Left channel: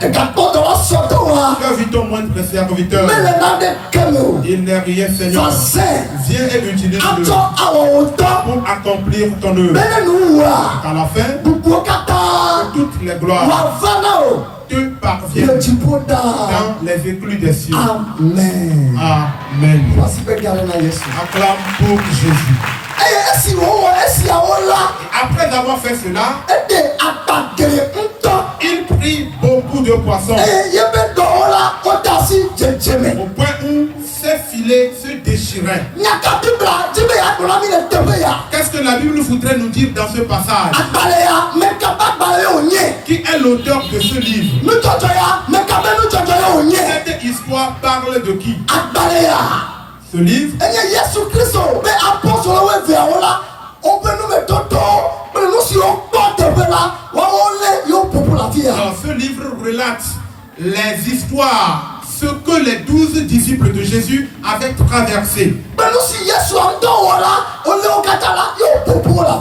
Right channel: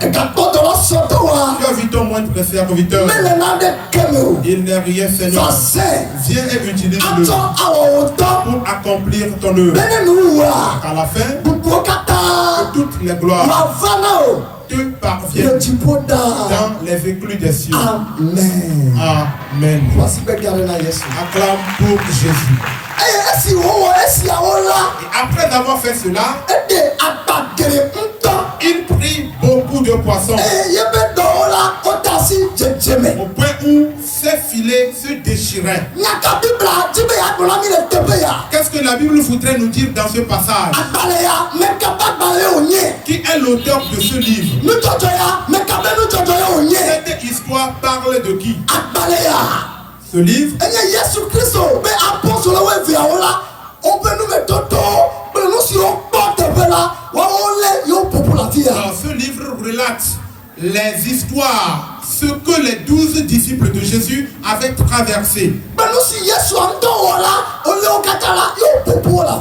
Tu as vu ton moindre serviteur. Il n'est rien, Seigneur. Viens et utilise-le pour accomplir ton œuvre. À la fin, que toutes les gloires te parviennent dans les éclus des cieux. Amen. Amen. Acclame pour Jésus. Et après avoir fait cela, il prit beaucoup de poissons au point où ses filets se déchiraient. Qu'est-ce que la Bible voudrait nous dire dans ce passage? Qui est l'auteur de ce livre? Cette histoire parle de qui? Ce livre, alors, ce livre relate les histoires, ce que les 12 disciples de Jésus avaient traversé.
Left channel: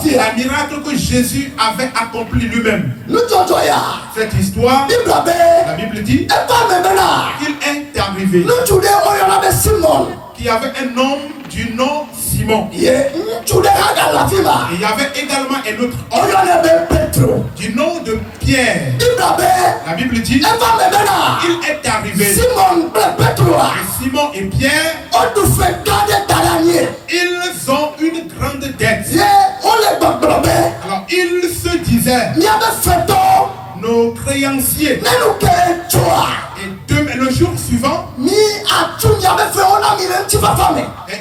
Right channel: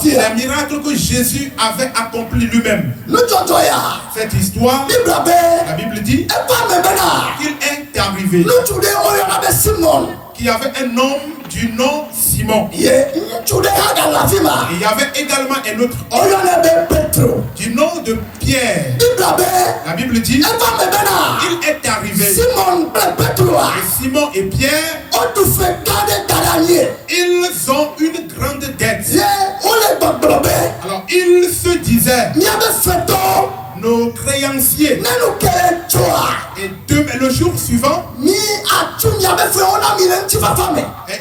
Les miracles que Jésus avait accomplis lui-même. Cette histoire, la Bible dit qu'il est arrivé qu'il y avait un homme du nom Simon. Et il y avait également un autre homme du nom de Pierre. La Bible dit il est arrivé. Et Simon et Pierre, ils ont une grande dette. Alors ils se disaient, nos créanciers. Et le jour suivant, et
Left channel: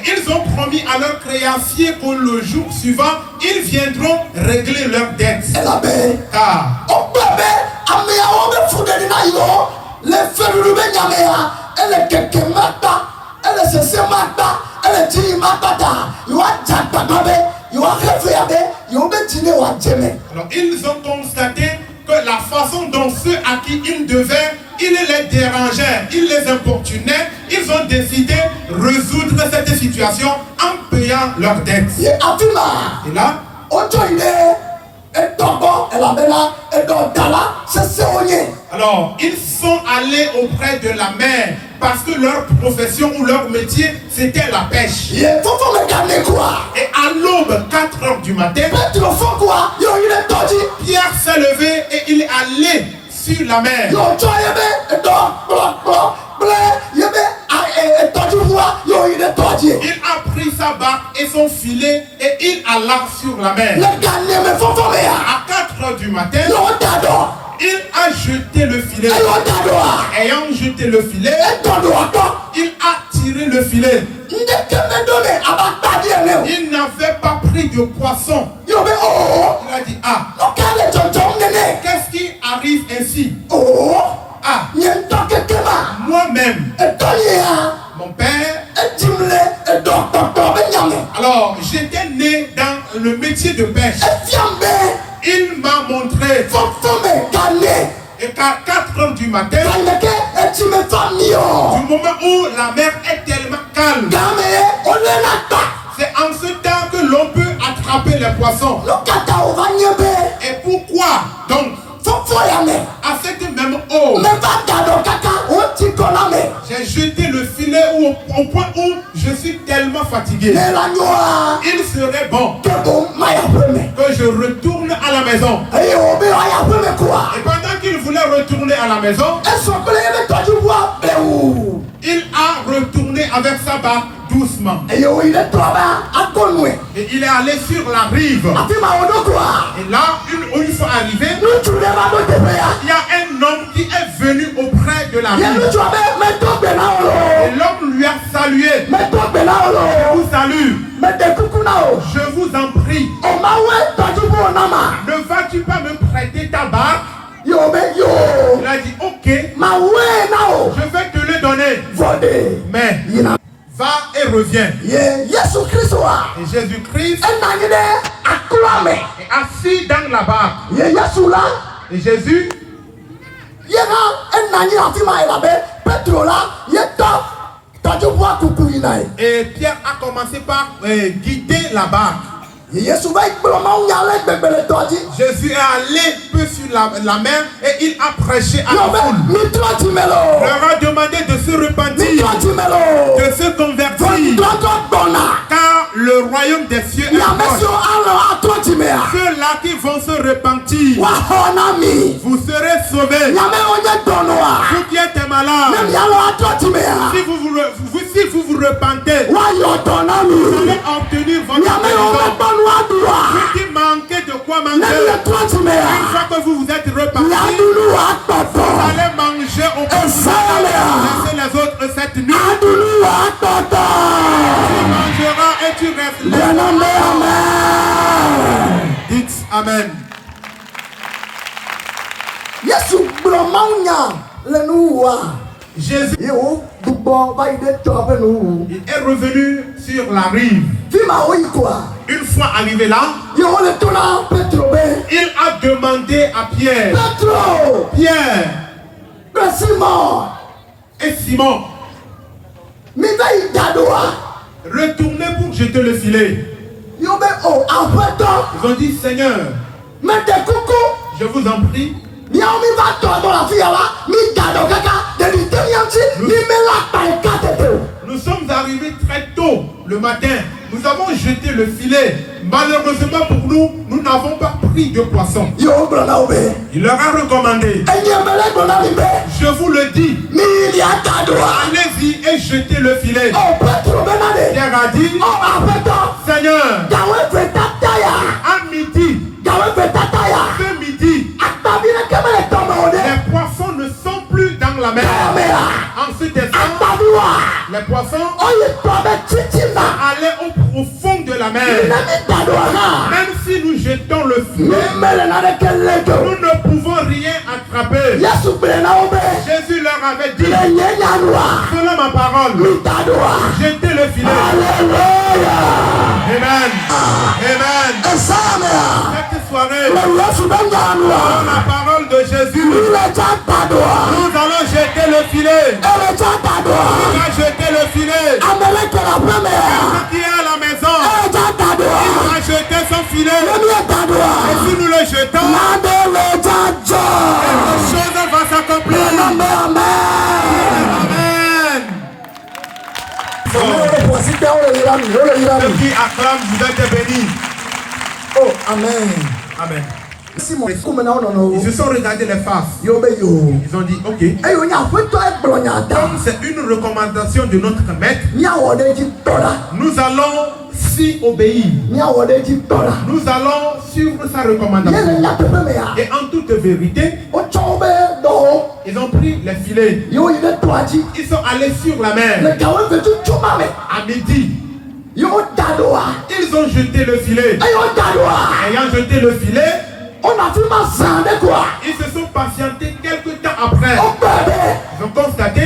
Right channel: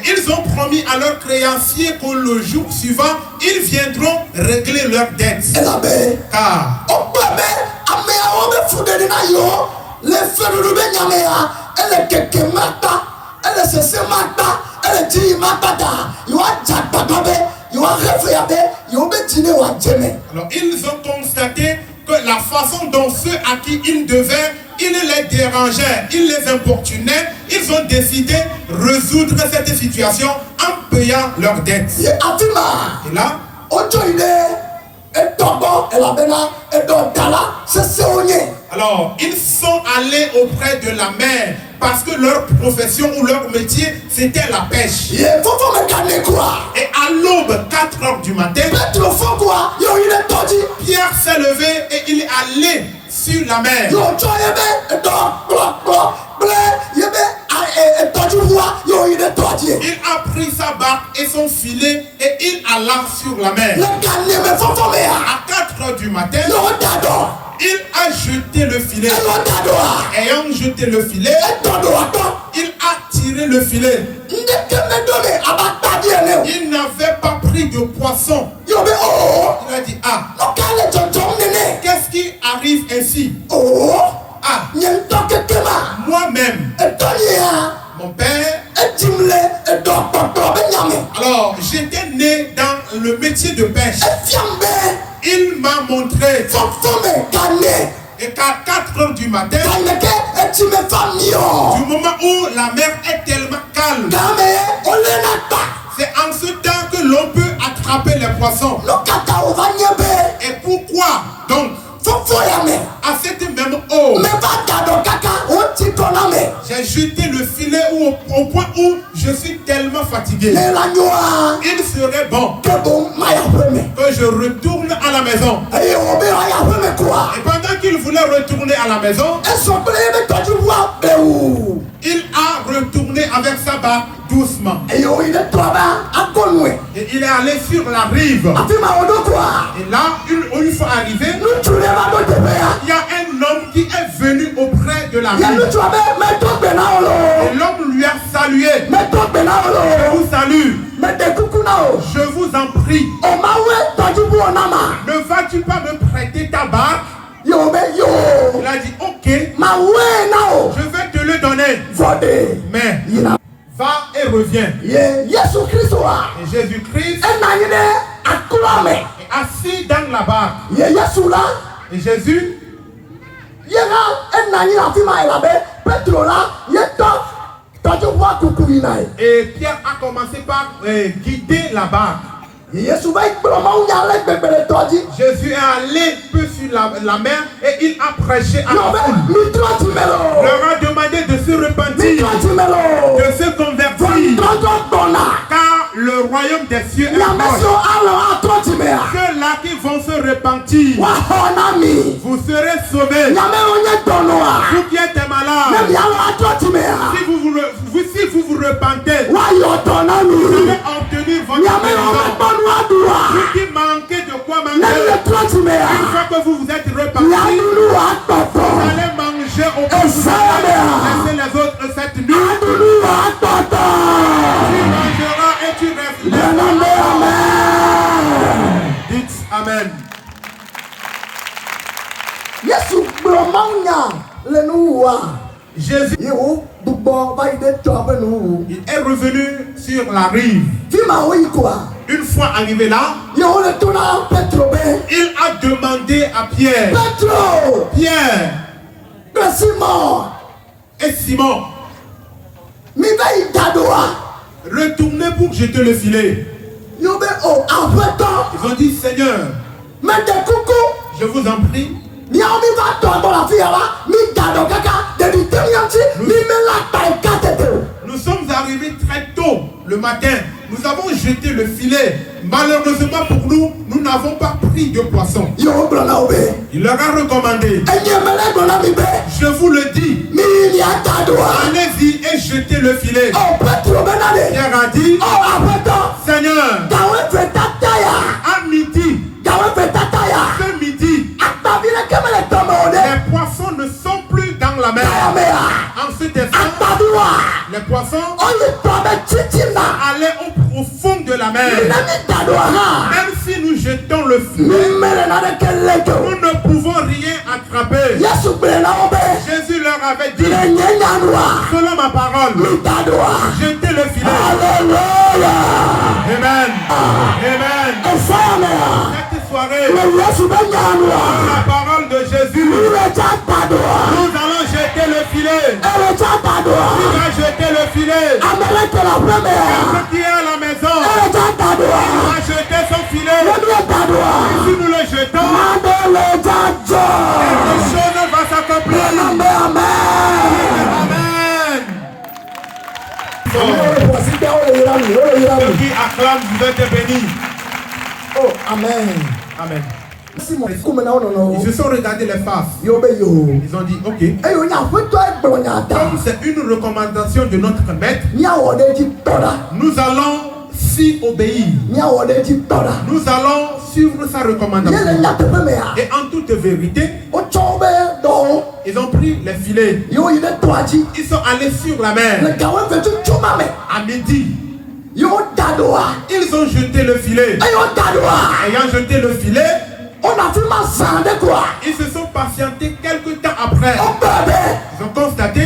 ils ont promis à leurs créanciers que le jour suivant, ils viendront régler leurs dettes. Car alors ils ont constaté que la façon dont ceux à qui ils devaient, ils les dérangeaient, ils les importunaient, ils ont décidé de résoudre cette situation en payant leurs dettes. Et là, alors, ils sont allés auprès de la mer parce que leur profession ou leur métier, c'était la pêche. Et à l'aube, 4 heures du matin, Pierre s'est levé et il est allé sur la mer. Il a pris sa barque et son filet et il alla sur la mer. À 4 heures du matin, il a jeté le filet. Ayant jeté le filet, il a tiré le filet. Il n'avait pas pris de poisson. Il a dit, qu'est-ce qui arrive ainsi? Moi-même, mon père, alors j'étais né dans le métier de pêche. Il m'a montré. Et qu'à 4 heures du matin, du moment où la mer est tellement calme, c'est en ce temps que l'on peut attraper les poissons. Et pourquoi donc à cette même eau, j'ai jeté le filet au point où je suis tellement fatigué? Il serait bon que je retourne à la maison. Et pendant qu'il voulait retourner à la maison, il a retourné avec sa barque doucement. Et il est allé sur la rive. Et là, une fois arrivé, il y a un homme qui est venu auprès de la rive. Et l'homme lui a salué. Je vous salue. Je vous en prie. Ne vas-tu pas me prêter ta barque? Il a dit, ok, je vais te le donner. Mais va et reviens. Et Jésus-Christ est assis dans la barque. Et Jésus et Pierre a commencé par guider la barque. Jésus est allé peu sur la mer et il a prêché à la foule. Leur a demandé de se repentir, de se convertir, car le royaume des cieux est proche. Ceux-là qui vont se repentir, vous serez sauvés. Vous qui êtes malades, si vous vous repentez, vous allez obtenir votre guérison. Vous qui manquez de quoi manger, une fois que vous vous êtes repentis, vous allez manger au bout. Laissez les autres cette nuit. Tu mangeras et tu resteras. Dites Amen. Jésus il est revenu sur la rive. Une fois arrivé là, il a demandé à Pierre et Simon, retournez pour jeter le filet. Ils ont dit, Seigneur, je vous en prie, nous sommes arrivés très tôt le matin. Nous avons jeté le filet. Malheureusement pour nous, nous n'avons pas pris de poisson. Il leur a recommandé, je vous le dis, allez-y et jetez le filet. Pierre a dit, Seigneur, à midi, ce midi, les poissons ne sont plus dans la mer. En ce instant, les poissons allaient au fond de la mer. Même si nous jetons le filet, nous ne pouvons rien attraper. Jésus leur avait dit, selon ma parole, jetez le filet. Amen. Amen. Cette soirée, la parole de Jésus, nous allons jeter le filet. Nous allons jeter le filet. Ceux qui est à la maison, il va jeter son filet. Et si nous le jetons, quelque chose va s'accomplir. Amen. Ceux qui acclament, vous êtes bénis. Oh, Amen. Amen. Ils Ils se sont regardés les faces. Ils ont dit, ok. Comme c'est une recommandation de notre maître, nous allons s'y obéir. Nous allons suivre sa recommandation. Et en toute vérité, ils ont pris les filets. Ils sont allés sur la mer. À midi, ils ont jeté le filet. Ayant jeté le filet, ils se sont patientés quelques temps après. Ils ont constaté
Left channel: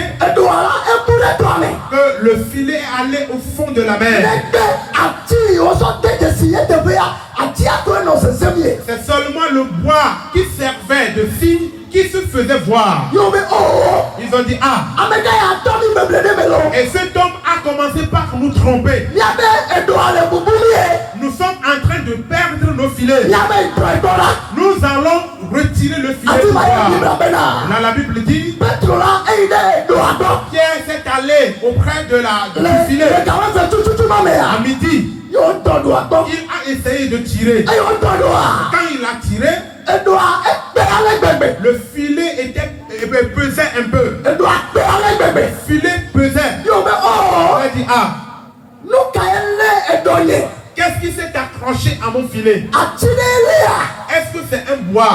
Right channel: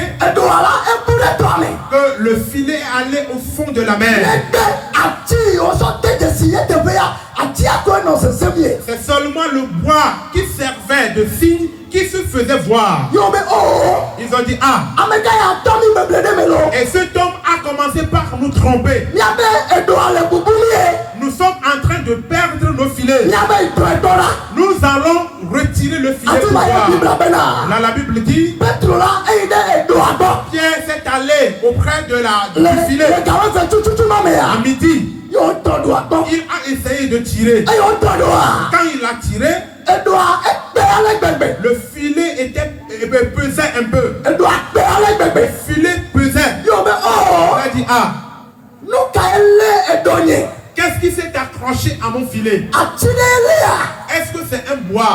que le filet allait au fond de la mer. C'est seulement le bois qui servait de signe qui se faisait voir. Ils ont dit, ah, et cet homme a commencé par nous tromper. Nous sommes en train de perdre nos filets. Nous allons retirer le filet du bois. Là, la Bible dit, Pierre s'est allé auprès du filet. À midi, il a essayé de tirer. Quand il a tiré, le filet pesait un peu. Le filet pesait. Il a dit, ah, qu'est-ce qui s'est accroché à mon filet? Est-ce que c'est un bois?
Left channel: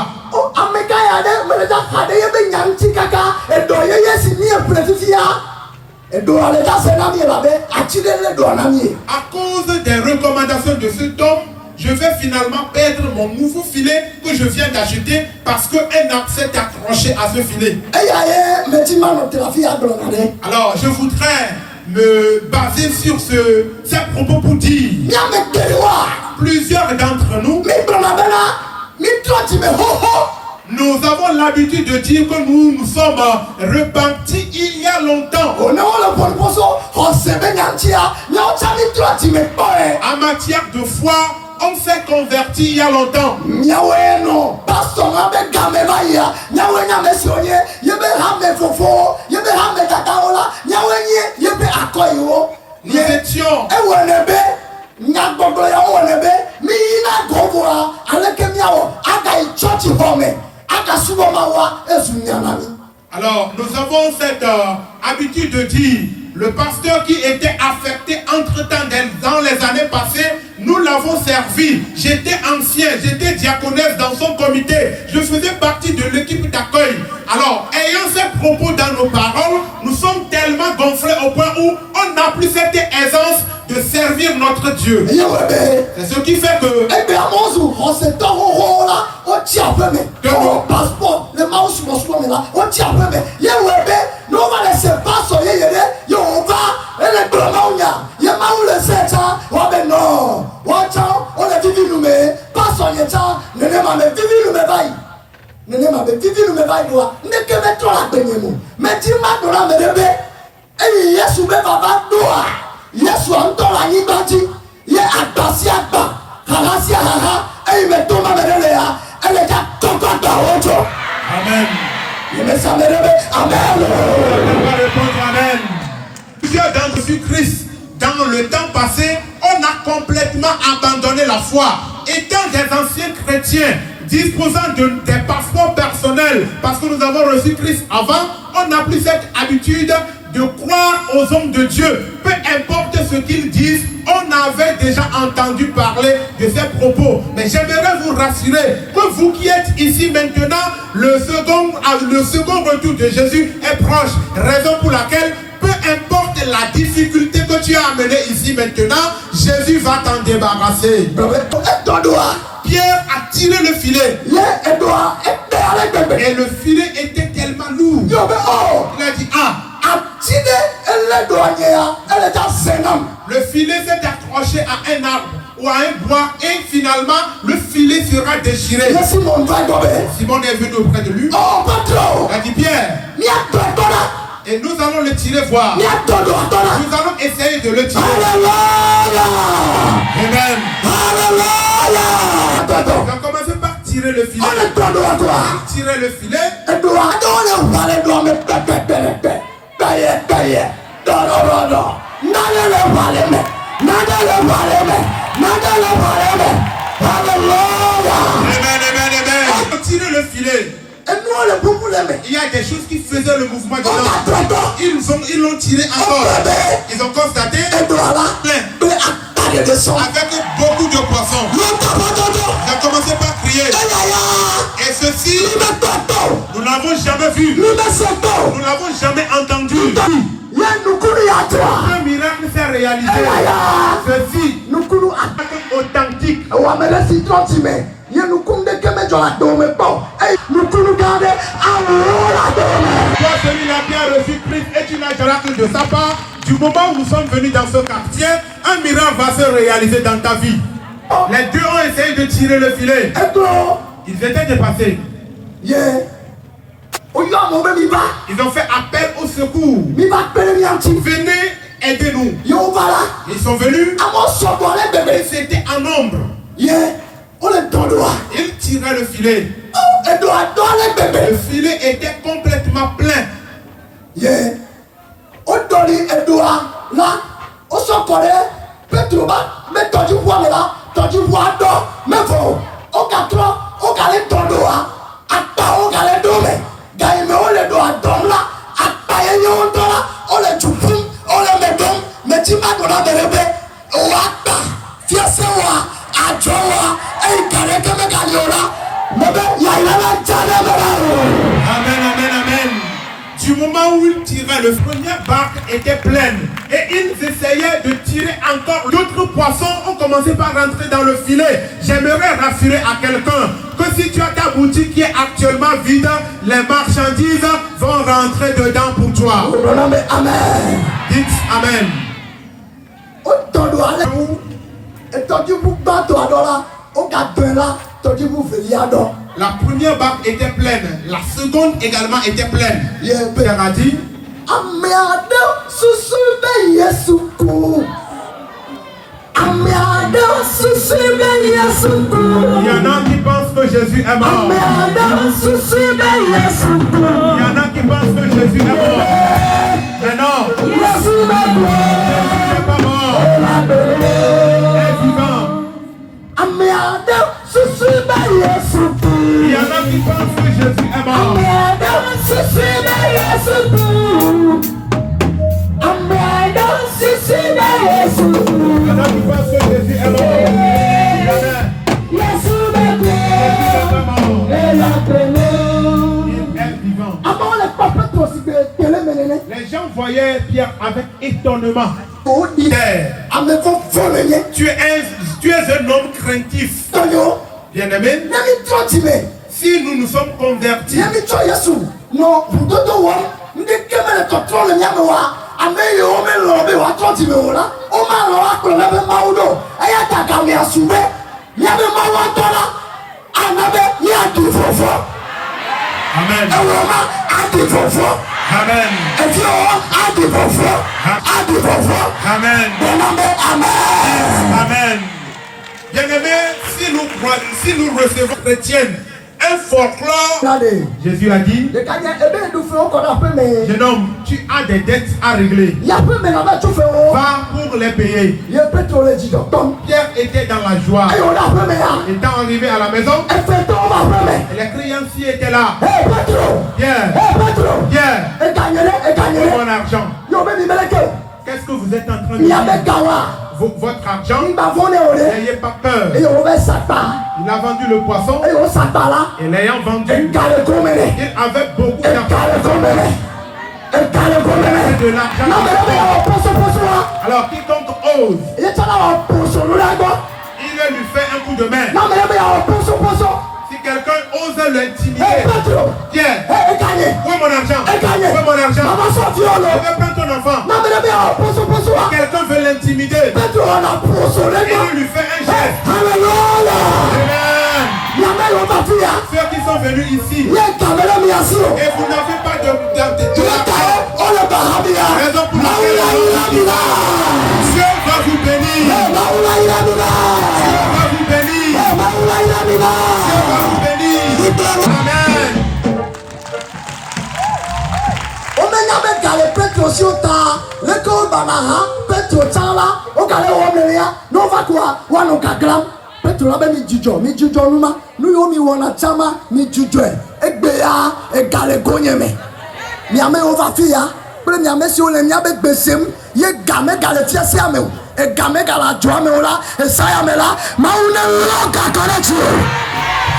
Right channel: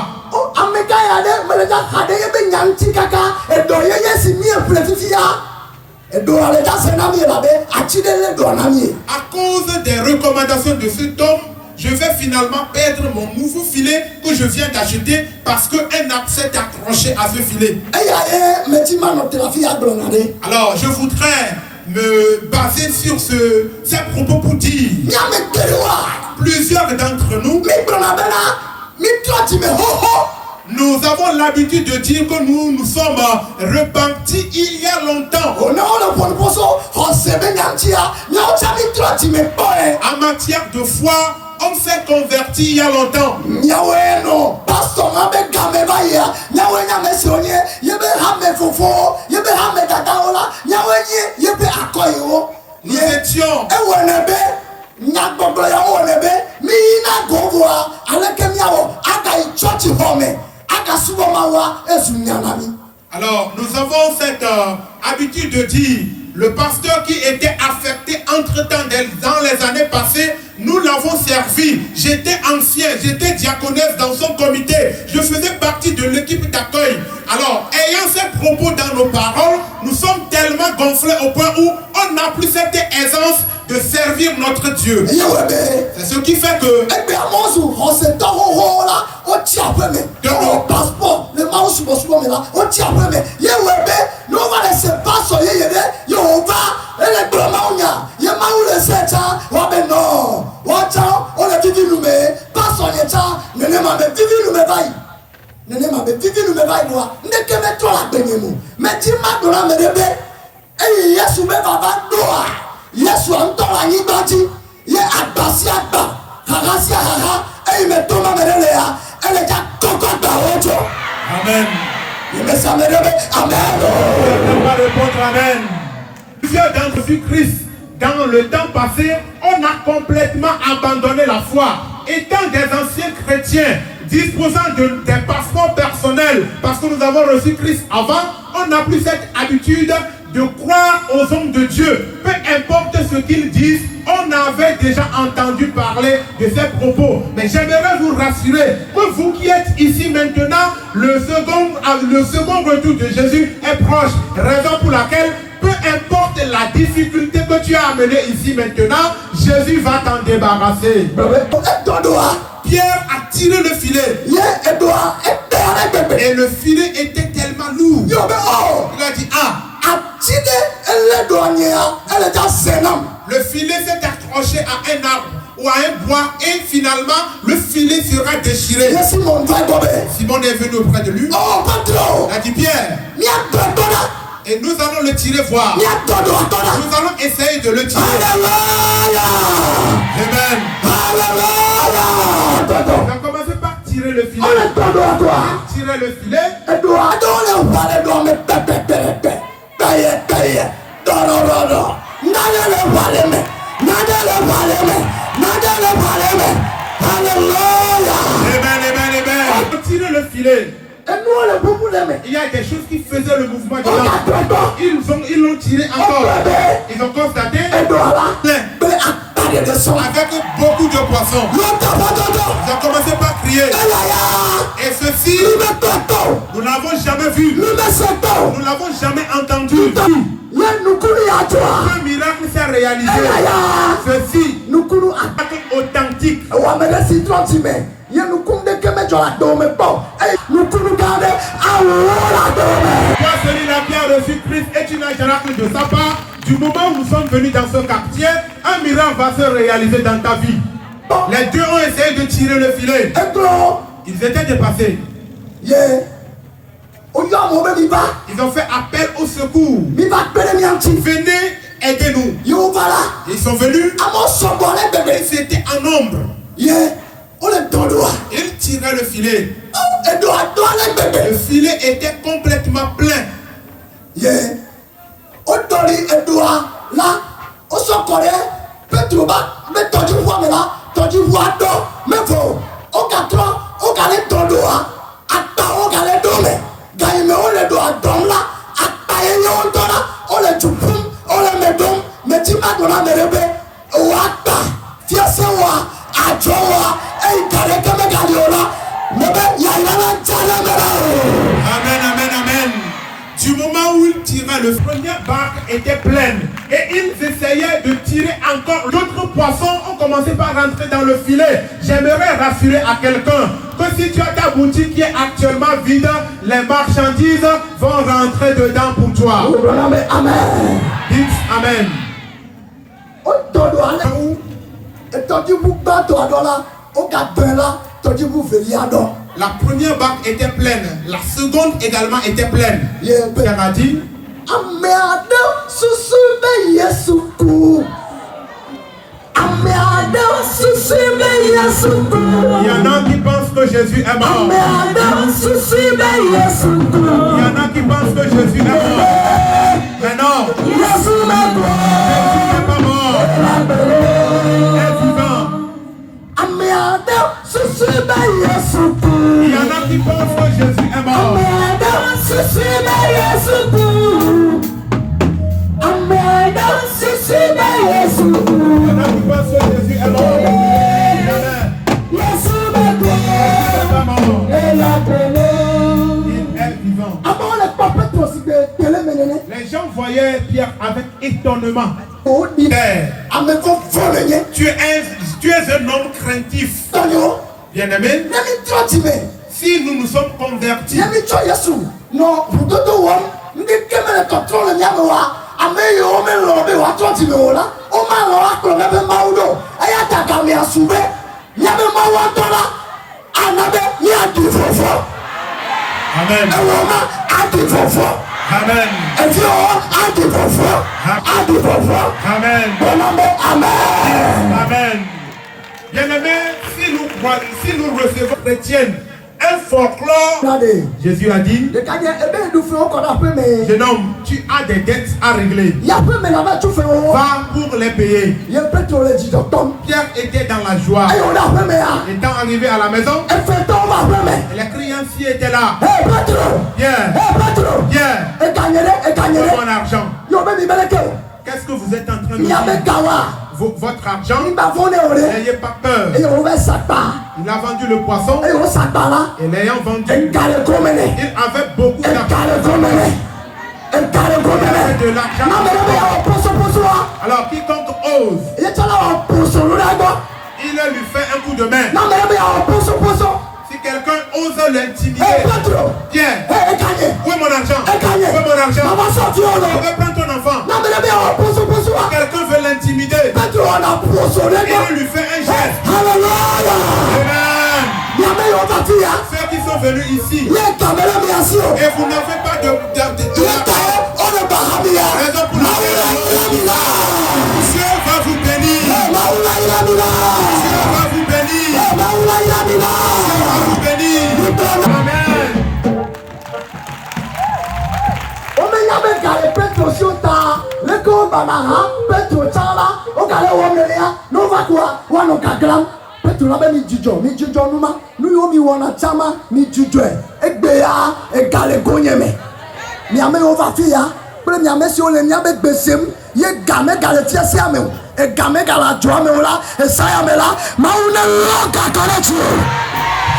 À cause des recommandations de cet homme, je vais finalement perdre mon nouveau filet que je viens d'acheter parce qu'un arbre s'est accroché à ce filet. Alors, je voudrais me baser sur ces propos pour dire plusieurs d'entre nous, Nous avons l'habitude de dire que nous sommes repentis il y a longtemps. En matière de foi, on s'est converti il y a longtemps. Nous étions alors, nous avons cette habitude de dire, le pasteur qui était affecté entre-temps dans les années passées, nous l'avons servi. J'étais ancien, j'étais diaconesse dans son comité. Je faisais partie de l'équipe d'accueil. Alors, ayant ces propos dans nos paroles, nous sommes tellement gonflés au point où on n'a plus cette aisance de servir notre Dieu. C'est ce qui fait que Amen. Amen. Plusieurs d'entre Christ, dans le temps passé, on a complètement abandonné la foi. Étant des anciens chrétiens, disposant des passeports personnels, parce que nous avons reçu Christ avant, on n'a plus cette habitude de croire aux hommes de Dieu. Peu importe ce qu'ils disent, on avait déjà entendu parler de ces propos. Mais j'aimerais vous rassurer que vous qui êtes ici maintenant, le second retour de Jésus est proche. Raison pour laquelle, peu importe la difficulté que tu as amenée ici maintenant, Jésus va t'en débarrasser. Pierre a tiré le filet. Et le filet était tellement lourd. Il a dit, le filet s'est accroché à un arbre ou à un bois et finalement le filet sera déchiré. Simon est venu auprès de lui. Il a dit, Pierre, et nous allons le tirer voir. Nous allons essayer de le tirer. Amen. On va commencer par tirer le filet. Il tirait le filet. On tirait le filet. Il y a des choses qui faisaient le mouvement dedans. Ils l'ont tiré encore. Ils ont constaté avec beaucoup de poissons. Ils ont commencé par crier. Et ceci, nous n'avons jamais vu. Nous n'avons jamais entendu. Ce miracle s'est réalisé. Ceci est authentique. Toi, celui-là qui a reçu Christ est une miracle de sa part. Du moment où nous sommes venus dans ce quartier, un miracle va se réaliser dans ta vie. Les deux ont essayé de tirer le filet. Ils étaient dépassés. Ils ont fait appel au secours. Venez, aidez-nous. Ils sont venus. C'était en nombre. Ils tiraient le filet. Le filet était complètement plein. Du moment où ils tiraient, le premier barque était pleine et ils essayaient de tirer encore. D'autres poissons ont commencé par rentrer dans le filet. J'aimerais rassurer à quelqu'un que si tu as ta boutique qui est actuellement vide, les marchandises vont rentrer dedans pour toi. Amen. Dites Amen. La première barque était pleine. La seconde également était pleine. Pierre a dit, il y en a qui pensent que Jésus est mort. Il y en a qui pensent que Jésus est mort. Mais non, Jésus n'est pas mort. Il est vivant. Il y en a qui pensent que Jésus est mort. Il y en a qui pensent que Jésus est mort. Les gens voyaient Pierre avec étonnement. Père, tu es un homme craintif. Bien-aimé, si nous nous sommes convertis, Amen. Amen. Amen. Amen. Bien-aimé, si nous recevons chrétienne un folklore, Jésus a dit, jeune homme, tu as des dettes à régler. Va pour les payer. Pierre était dans la joie. Étant arrivé à la maison, et les créanciers étaient là. Bien. Mon argent. Qu'est-ce que vous êtes en train de dire? Votre argent, n'ayez pas peur. Il a vendu le poisson et l'ayant vendu, il avait beaucoup d'argent. De l'argent. Alors quiconque ose, il lui fait un coup de main. Si quelqu'un ose l'intimider, viens. Où est mon argent? Où est mon argent? Je vais prendre ton enfant. Quelqu'un veut l'intimider, il lui fait un geste. Ceux qui sont venus ici et vous n'avez pas de raison pour laquelle Dieu va vous bénir. Dieu va vous bénir. Dieu va vous bénir.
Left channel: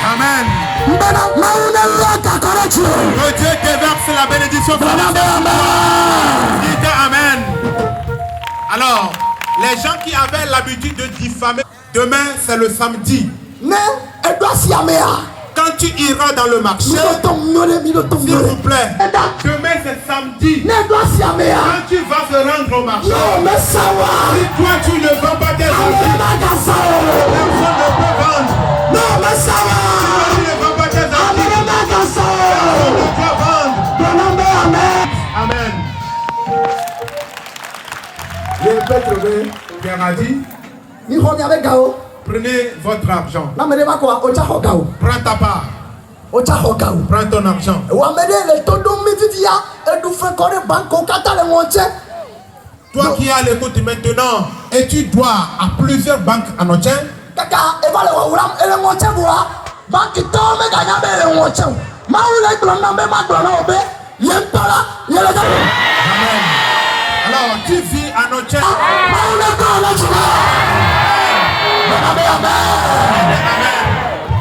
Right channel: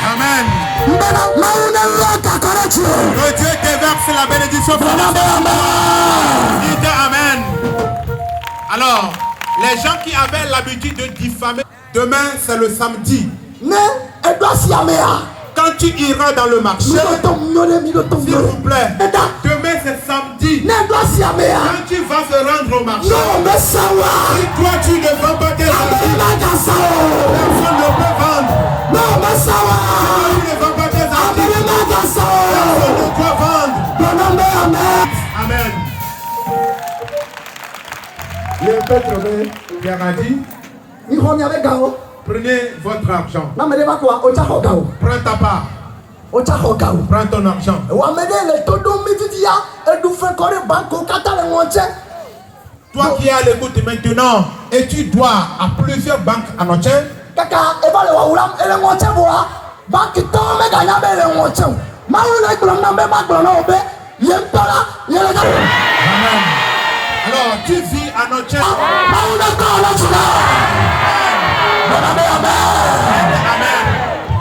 Amen. Amen. Que Dieu te verse la bénédiction. Amen. Alors, les gens qui avaient l'habitude de diffamer, demain c'est le samedi. Quand tu iras dans le marché, s'il vous plaît, demain c'est samedi. Quand tu vas te rendre au marché, si toi tu ne vends pas tes habits, personne ne peut vendre. Si toi tu ne vends pas tes habits, personne ne peut vendre. Amen. Pierre a dit, prenez votre argent. Prends ta part. Prends ton argent. Toi qui es à l'écoute maintenant et tu dois à plusieurs banques en Océan, Amen. Alors tu vis en Océan. Amen.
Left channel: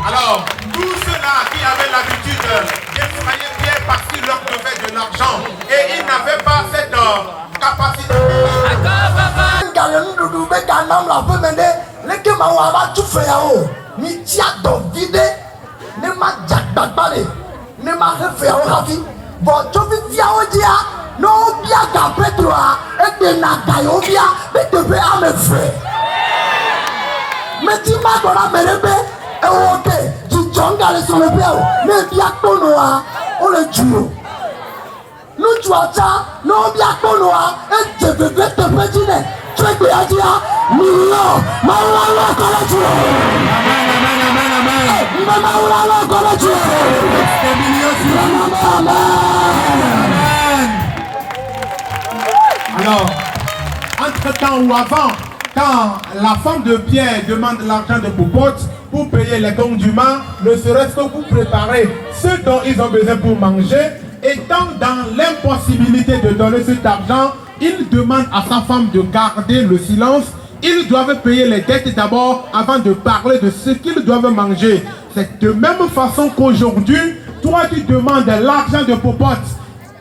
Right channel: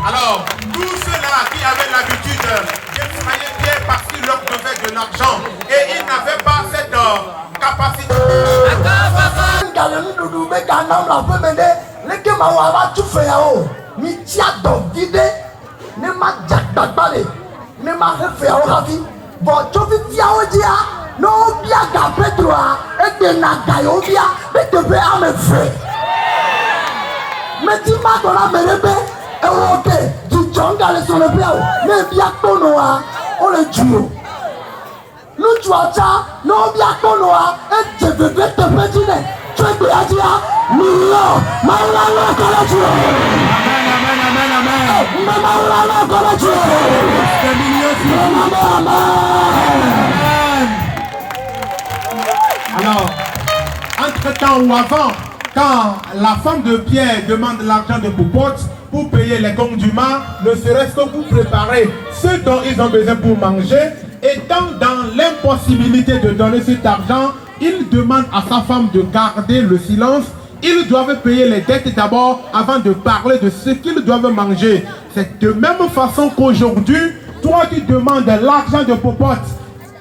Alors, tous ceux-là qui avaient l'habitude d'effrayer Pierre parce qu'il leur devait de l'argent et ils n'avaient pas cette capacité. Mais tu m'as donné mes rêves, et ok, tu Jonga le son le piao. Mais bien konoa. On le duo. Nous tuata. Non bien konoa. Et je veux te pédiner. Tu es bien dit. Non. Maulala kola duo. Amen, amen, amen, amen. Maulala kola duo. Amen. Alors, entre-temps ou avant, quand la femme de Pierre demande l'argent de Popote pour payer les conduits, ne serait-ce que pour préparer ce dont ils ont besoin pour manger, étant dans l'impossibilité de donner cet argent, il demande à sa femme de garder le silence. Ils doivent payer les dettes d'abord avant de parler de ce qu'ils doivent manger. C'est de même façon qu'aujourd'hui, toi tu demandes l'argent de Popote.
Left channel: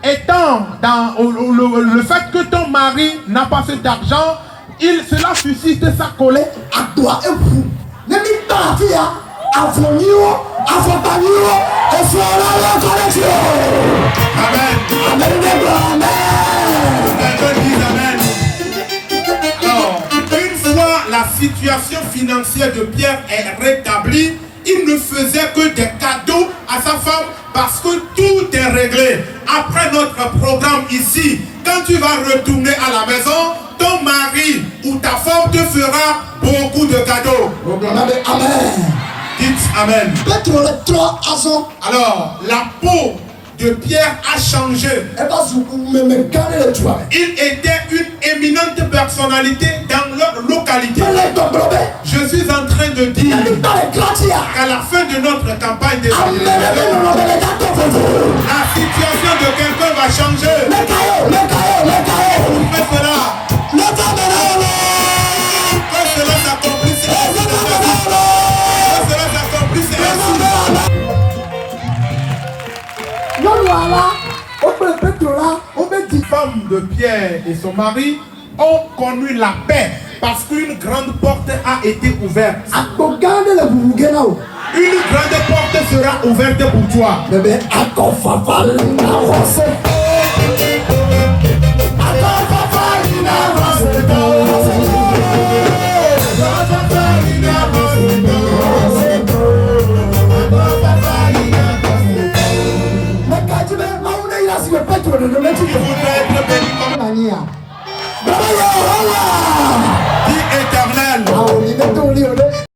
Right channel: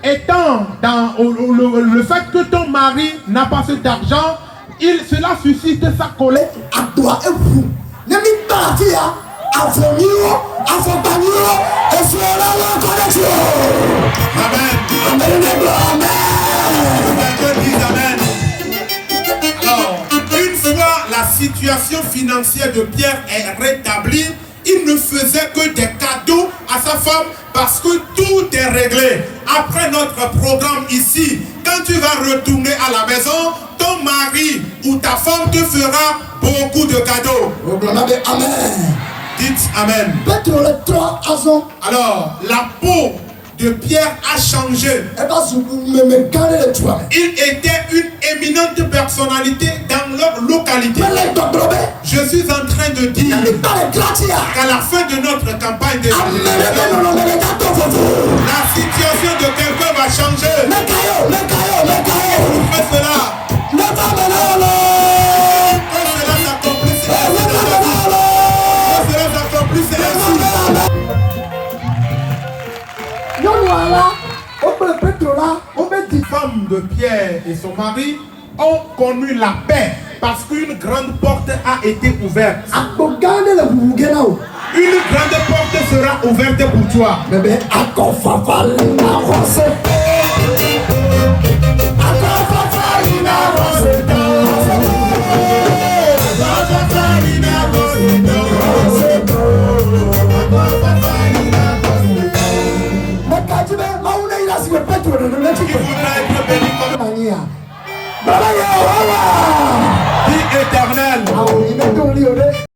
Étant dans le fait que ton mari n'a pas cet argent, cela suscite sa colère. À toi et vous. Ne m'y parlez pas. Avant nous, avant nous, et sur la connexion. Amen. Amen. Alors, une fois la situation financière de Pierre est rétablie, il ne faisait que des cadeaux à sa femme parce que tout est réglé. Après notre programme ici, quand tu vas retourner à la maison, ton mari ou ta femme te fera beaucoup de cadeaux. Amen. Dites Amen. Alors, la peau de Pierre a changé. Il était une éminente personnalité dans leur localité. Je suis en train de dire qu'à la fin de notre campagne de la situation de quelqu'un va changer. Faites cela. Quand cela s'accomplisse, les femmes de Pierre et son mari ont connu la paix parce qu'une grande porte a été ouverte. Une grande porte sera ouverte pour toi.